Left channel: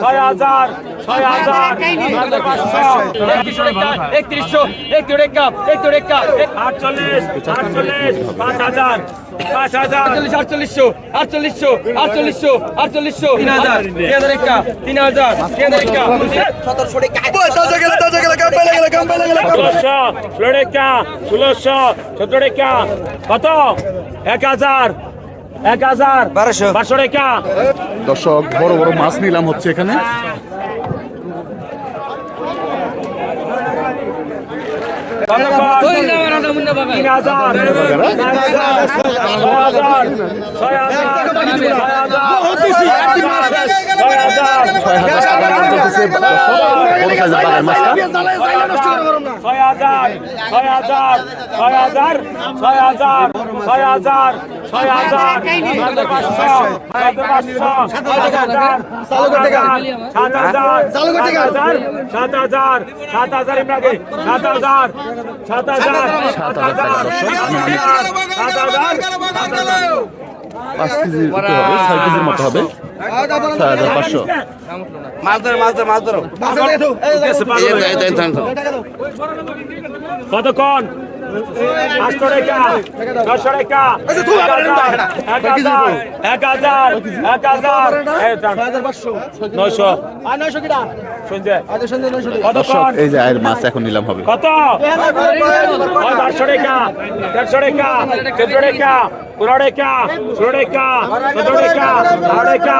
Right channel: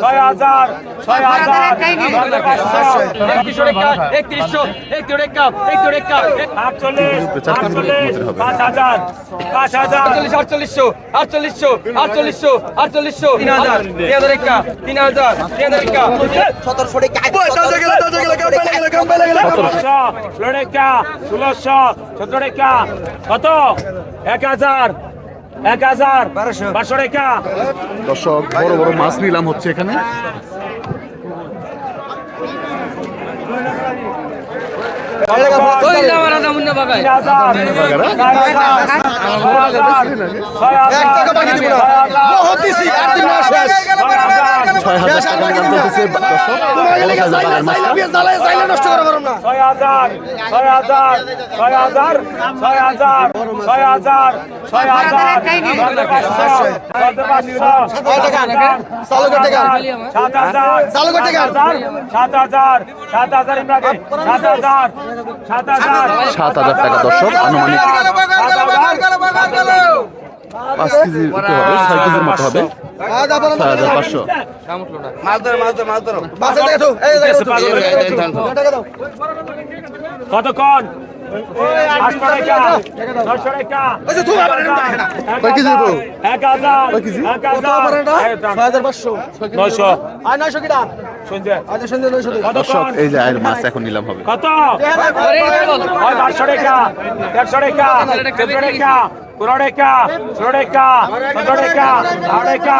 ছয় হাজার ছয় হাজার একত্রিশশো একত্রিশ আটচল্লিশ আটচল্লিশ পাঁচ হাজার পাঁচ হাজার। আটচল্লিশশো আটচল্লিশশো আটচল্লিশশো আটচল্লিশশো। তিন হাজার। তিন হাজার একা তিন হাজার তিন হাজার একা সতেরোশো ষোলো টাকা ষোলোশো সতেরো টাকা কত? এক হাজার। এক হাজার বারোশো। বারোশো টাকা। দর্শক বড় বড় মাছ নিলাম হচ্ছে এখানে। কত তিন হাজার চার হাজার ছয় হাজার ছয় হাজার ছয় হাজার ছয় হাজার টাকা নিলাম চলতেছে দর্শক বড় সাইজের বাগান মাছটা ছয় হাজার ছয় হাজার ছয় হাজার ছয় হাজার ছয় হাজার ছয় হাজার ছয় পাঁচশো ছয় পাঁচশো সাত হাজার সাত হাজার সাত হাজার সাত হাজার সাত হাজার ইমরাকে সাত হাজার টাকা দর্শক আনুমানিক পাঁচ কেজির হবে ছয় কেজির মতো হবে। ছয় হাজার পাঁচশো। কতক্ষণ? নয়শো। দর্শক কতক্ষণ এই যে আয়ের মাছ এখন নিলাম হবে কত আটশো টাকা দেড়শো টাকা চোদ্দ টাকা পনেরো টাকা ষোলো টাকা সতেরো টাকা আড়াই টাকা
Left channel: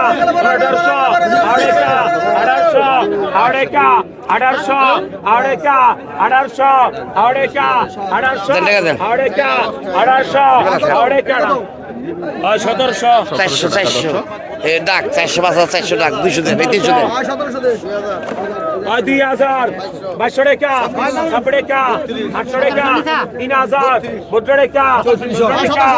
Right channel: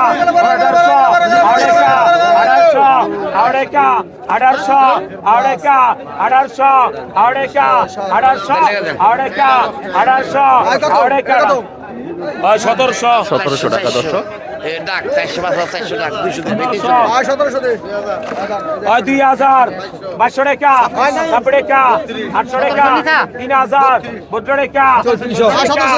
আঠারোশো আড়াই টাকা আঠারোশো আড়াই টাকা আঠারোশো আড়াই টাকা আঠারোশো আড়াই টাকা আঠারোশো আড়াই টাকা আঠারোশো আড়াই টাকা সতেরোশো সতেরোশো টাকা দর্শক ডাক চারশো পাঁচ হাজার চারশো ডাক দুইশো দেন এই তিনশো দেন। দুই হাজার বাইশশো টাকা টাকা আটশো টাকা তিন হাজার বত্র টাকা চৌত্রিশশো টাকা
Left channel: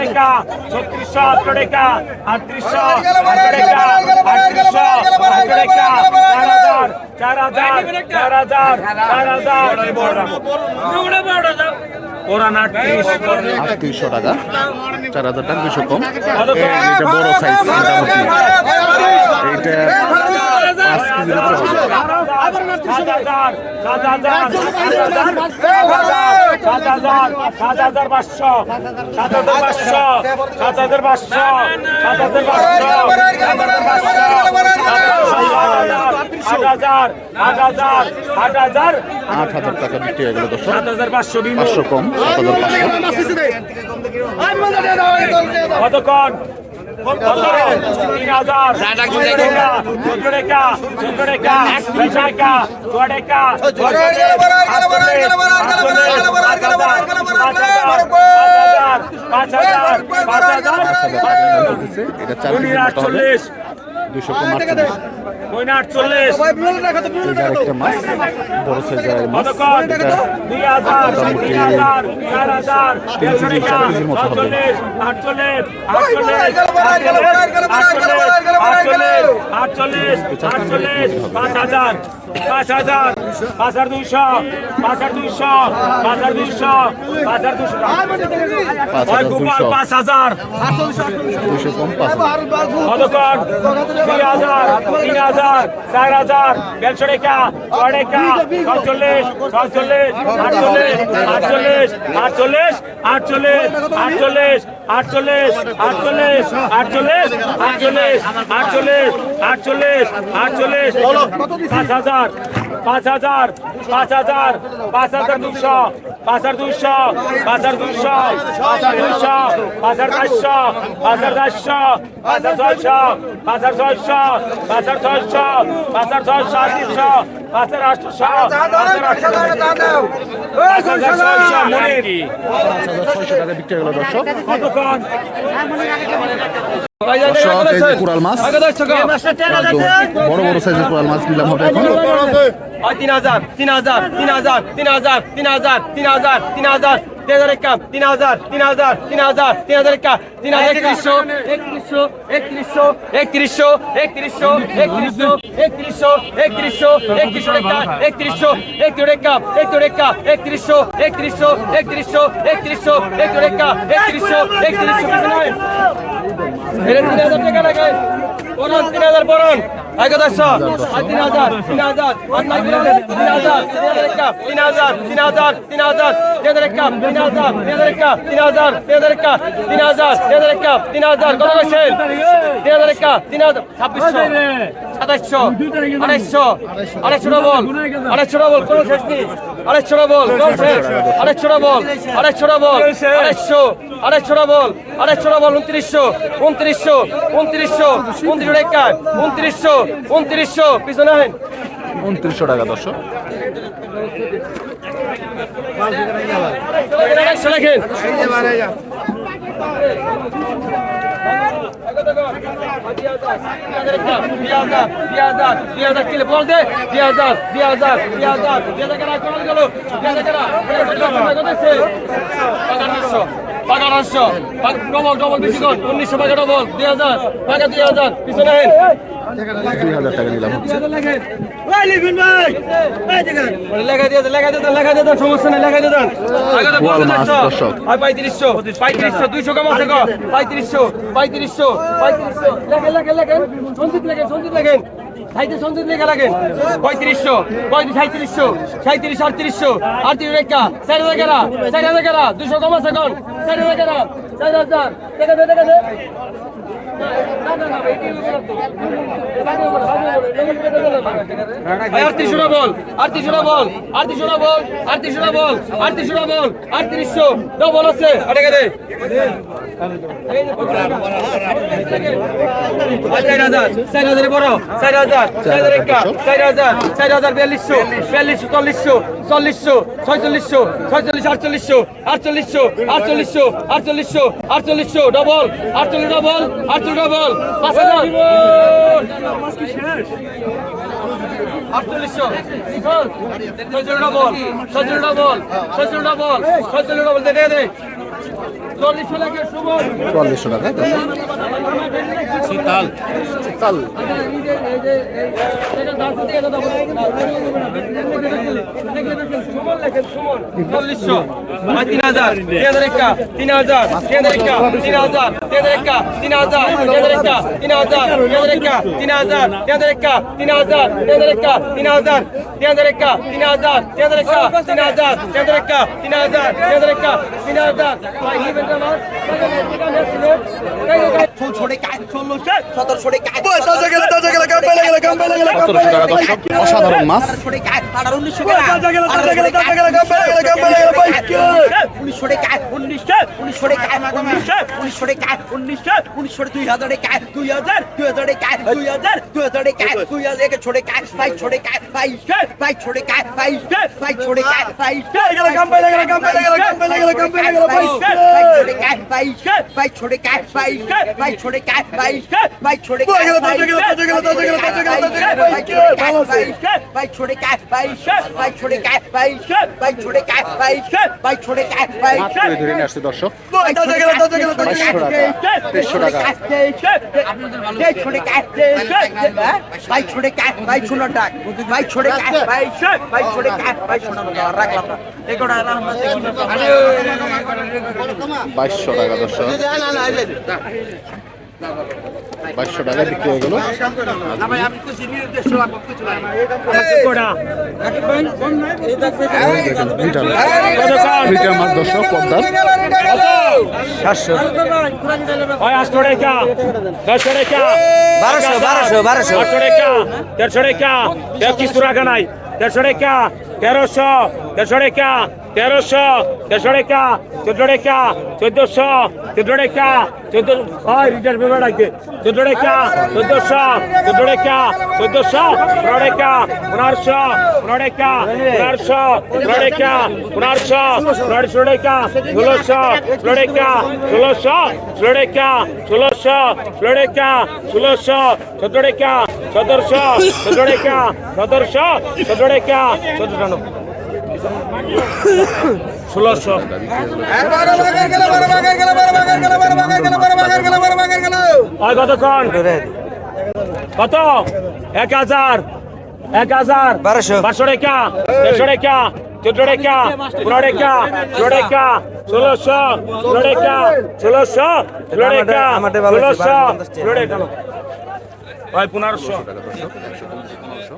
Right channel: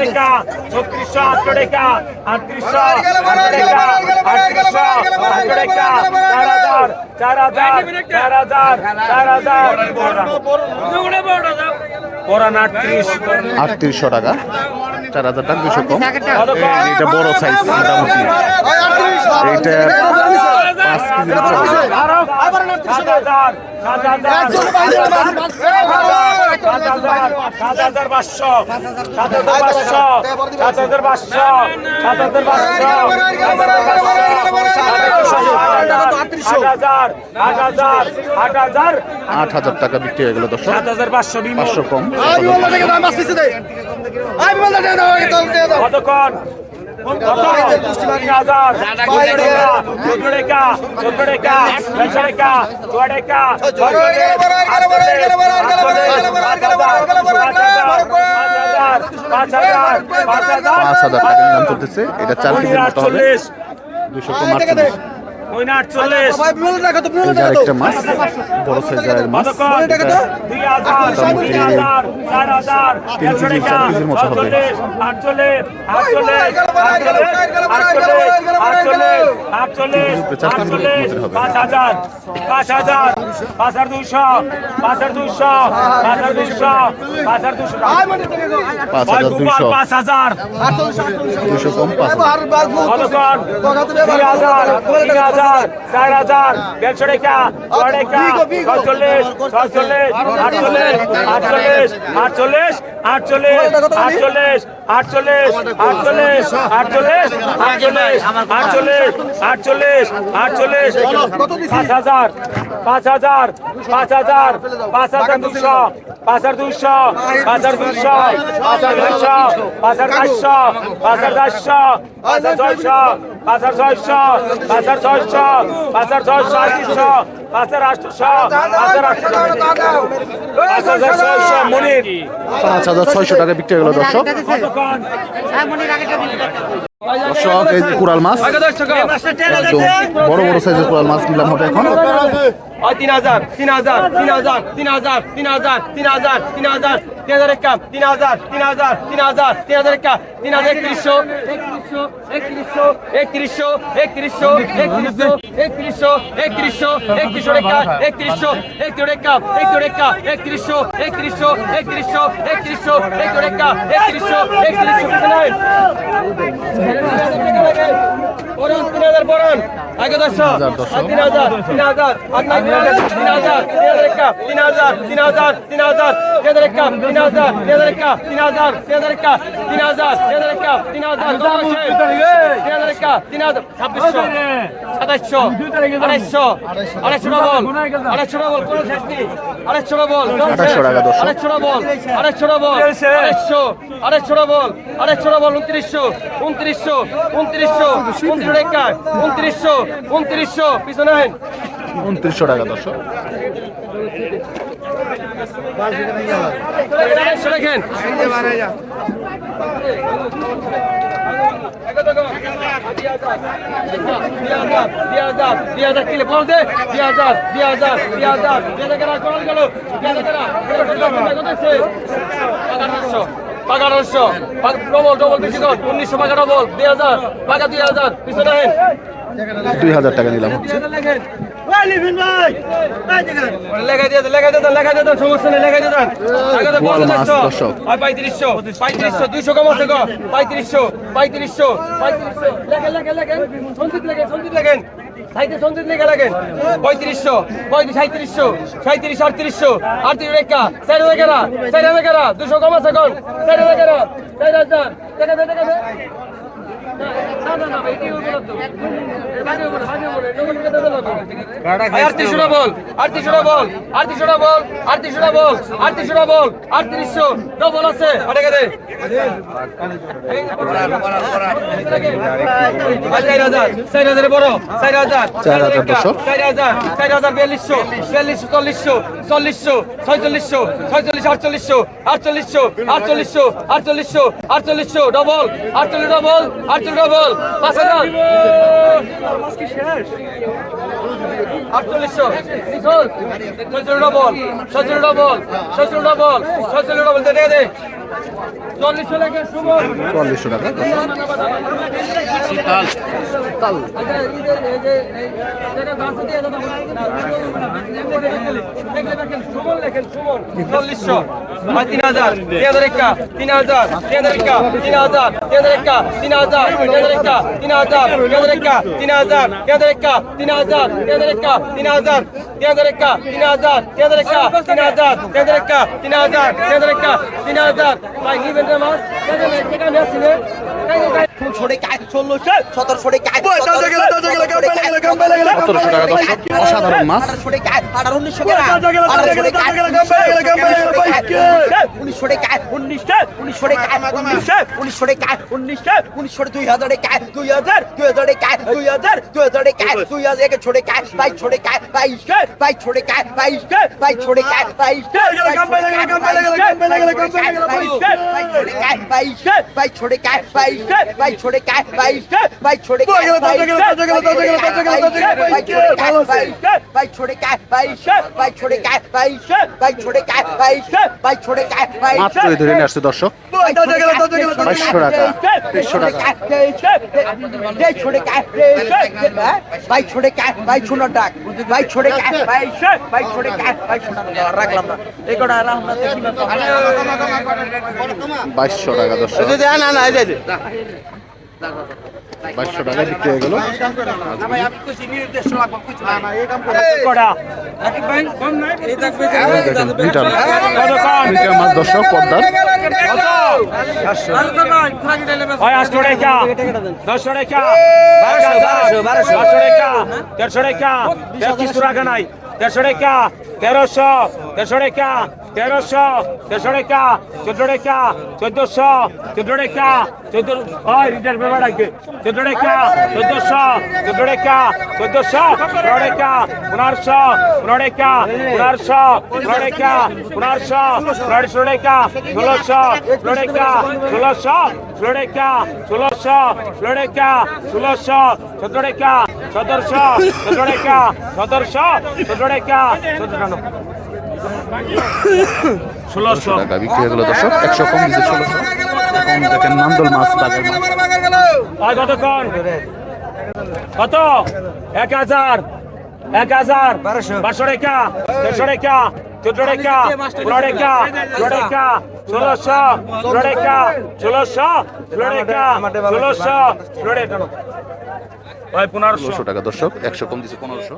টাকা ছত্রিশশো আটশো টাকা আটত্রিশশো আটশো টাকা আটত্রিশশো আটশো টাকা চার হাজার চার হাজার চার হাজার চার হাজার। কোরআন আটত্রিশ। আটত্রিশশো টাকা। চার হাজার টাকা দুশো কম এটা বড় সাইজ মোটামুটি। এইটা পাঁচ কেজির উপরে হবে। সাত হাজার সাত হাজার হাজার পাঁচশো সাত হাজার পাঁচশো সাত হাজার পাঁচশো সাত হাজার পাঁচশো সাত হাজার পাঁচশো আট হাজার আট হাজার আট হাজার আট হাজার টাকা বিক্রি হয়ে গেল সাত হাজার পাঁচশো পাঁচশো কম সাত হাজার পাঁচশো। কতক্ষণ এটা চার দুশো কম এই যে আরেকটা হাজার বড় সাইজের মাছ এটা মোটামুটি তিন কেজি চার কেজির মতো হবে চার কেজির মতো হবে পাঁচ হাজার পাঁচ হাজার পাঁচ হাজার দুইশো পাঁচ হাজার দুইশো পাঁচ হাজার দুইশো পাঁচ হাজার দুইশো পাঁচ গোপাল দুইশো পাঁচ হাজার দুইশো কম পাঁচ হাজার কতক্ষণ দুই হাজার তিন হাজার চার হাজার দেড়শো টাকা ছয় টাকা ছয়চল্লিশ ছয়চল্লিশ আটচল্লিশ আটচল্লিশ আটচল্লিশ আটচল্লিশ আটচল্লিশ আটচল্লিশ আটচল্লিশ আটচল্লিশ আটচল্লিশ আটচল্লিশ আটচল্লিশ আটচল্লিশ বলো পাঁচ হাজার পাঁচ হাজার পাঁচ হাজার পাঁচ হাজার দুশো, পাঁচ হাজার দুশো, পাঁচ হাজার দুশো, পাঁচ হাজার দুশো, পাঁচ হাজার চারশো, পাঁচ হাজার চারশো, পাঁচ হাজার ছয়শো পাঁচ হাজার ছয়শো পাঁচ হাজার ছয়শো পাঁচ হাজার ছয়শো আটশো পাঁচ হাজার আটশো পাঁচ হাজার আটশো পাঁচ হাজার ছয়শো মনির পাঁচ হাজার ছয়শো টাকা বিক্রি হয়ে গেল দর্শক কতক্ষণ দর্শক এই যে কোরাল মাছ একদম বড় বড় সাইজের কোরাল মাছ নিলাম হবে এখন তিন হাজার তিন হাজার তিন হাজার তিন হাজার তিন হাজার তিন হাজার তিন হাজার তিন হাজার তিন হাজার তিন হাজার তিন হাজার তিন হাজার একা তিন হাজার একত্রিশশো একত্রিশশো একত্রিশশো একত্রিশশো একত্রিশশো একত্রিশশো একত্রিশশো একত্রিশশো একত্রিশশো টাকা, একত্রিশশো একত্রিশ একাম একত্রিশ একা একত্রিশশো একত্রিশশো একত্রিশশো একত্রিশশো একত্রিশ একা একত্রিশশো একত্রিশশো টাকা লাগে। বরণ তিন হাজার বরণ। সাতাশশো আড়াইশো আড়াইশো ডবল আড়াইশো ডবল কোনো শেষ নেই আড়াইশো ডবল আড়াইশো ডবল আড়াইশো ডবল আড়াইশো আড়াইশো ডবল আড়াইশো ডবল উনত্রিশশো উনত্রিশশো উনত্রিশশো উনত্রিশ টাকা উনত্রিশশো উনত্রিশশো পিছনে হয় উনত্রিশশো টাকা দর্শক আড়াইশো পাকা আঠারোশো ডবল ডবল বেশি নট উনিশশো পাকা ডবল দুই হাজার পাকা দুই হাজার পিছনে হেন দুই হাজার টাকা নিলাম। হচ্ছে পঁয়ত্রিশশো পঁয়ত্রিশশো দুইশো কম আছে পঁয়ত্রিশশো পঁয়ত্রিশশো পঁয়ত্রিশশো। লেখেন লেখেন লেখেন। সঞ্জিত লেখেন সঞ্জিত লেখেন। সাইতে সঞ্জিত লেগে রাখেন। পঁয়ত্রিশশো, পঁয়ত্রিশ সাঁত্রিশশো সাঁত্রিশ আটত্রিশশো, আটত্রিশ রেখা, চার রেখেরা চার রেখেরা, দুশো কম আছে কন রেখেরা, চার হাজার, দেখা দে, দেখা এবারে বলো, এবারে বলো, ডবল আছে ওটাকে দে চার হাজার চার হাজারে বড় চার হাজার চার হাজার চার হাজার চার হাজার বিয়াল্লিশশো বিয়াল্লিশশো চল্লিশশো ছয়চল্লিশ আটচল্লিশশো আটচল্লিশশো আটচল্লিশশো আটচল্লিশশো আটচল্লিশশো ডবল আটচল্লিশ ডবল আটচল্লিশ ডবল পাঁচ হাজার আটচল্লিশশো। ছয়চল্লিশ ডবল ছয়চল্লিশ ডবল ছয়চল্লিশ ডবল ছয়চল্লিশ ডবল দে দে। চল্লিশশো লেখা সুমন টাকা তাল। চল্লিশশো তিন হাজার তিন হাজার তিন হাজার তিন হাজার তিন হাজার তিন হাজার তিন হাজার তিন হাজার তিন হাজার তিন হাজার একা তিন হাজার তিন হাজার একা তিন হাজার তিন হাজার একা তিন হাজার তিন হাজার একা তিন সতেরোশো টাকা দর্শক অসাধারণ মাছ ভাই ছোড়ে কাজ ভাই ছোড়ে কাজ ভাই ছোড়ে গেল তাজা গেল তাজা গেল তাজা গেল তাজা গেল তাজা গেল ভাই কে ভালো আছে ভাই ছোড়ে কাট ভাই ভাই ছোড়ে কাট ভাই ভাই ছোড়ে কাট ভাই ভাই ছোড়ে কাট ভাই মাত্র ধরে নিয়ে আসছে দর্শক তাজা গেল তাজা গেল তাজা গেল 500 টাকা 300 টাকা আপনাদের ভালো ভাই ছোড়ে কাট ভাই ছোড়ে কাট ভাই ছোড়া ডাক ভাই ছোড়ে কাট ভাই ভাই ছোড়ে কাট ভাই ছোড়া না রাখলাম না এই কোটা আমরা দেখি না 2200 টাকা দর্শক না না না বাইশশো টাকা বিক্রি হয়ে গেল। দুইটা মাছ দশটা পদ্মার। তেরোশো টাকা তেরোশো টাকা তেরোশো টাকা টাকা টাকা তেরোশো টাকা তেরোশো টাকা চোদ্দ টাকা চোদ্দশো চোদ্দ টাকা চোদ্দ ওই রিটার পেপার রাখবে চোদ্দ টাকা চোদ্দশো চোদ্দ টাকা চোদ্দশো পনেরো টাকা পনেরোশো পনেরো টাকা পনেরোশো পনেরো টাকা পনেরোশো পনেরোশো টাকা ষোলোশো ষোলো টাকা ষোলোশো ষোলো টাকা ষোলোশো ষোলো টাকা ষোলোশো চোদ্দ টাকা চোদ্দশো চোদ্দ টাকা চোদ্দশো চোদ্দ টাকা চোদ্দ টানো ষোলোশো। টাকা বিক্রি হয়ে দর্শক একশো কম দিচ্ছে ষোলোশো এখন দেখেন মান্দল মাছ বাজার মাছ কতক্ষণ? কত? এক হাজার। এক হাজার। বারোশো। বারোশো টাকা। দেড়শো টাকা। চোদ্দ টাকা। পনেরো টাকা। ষোলো টাকা। ষোলোশো। ষোলো টাকা। ষোলোশো। ষোলো টাকা। ষোলোশো। ষোলো টাকা। ভাই পনেরোশো। টাকা দর্শক একশো কম দিচ্ছে পনেরোশো।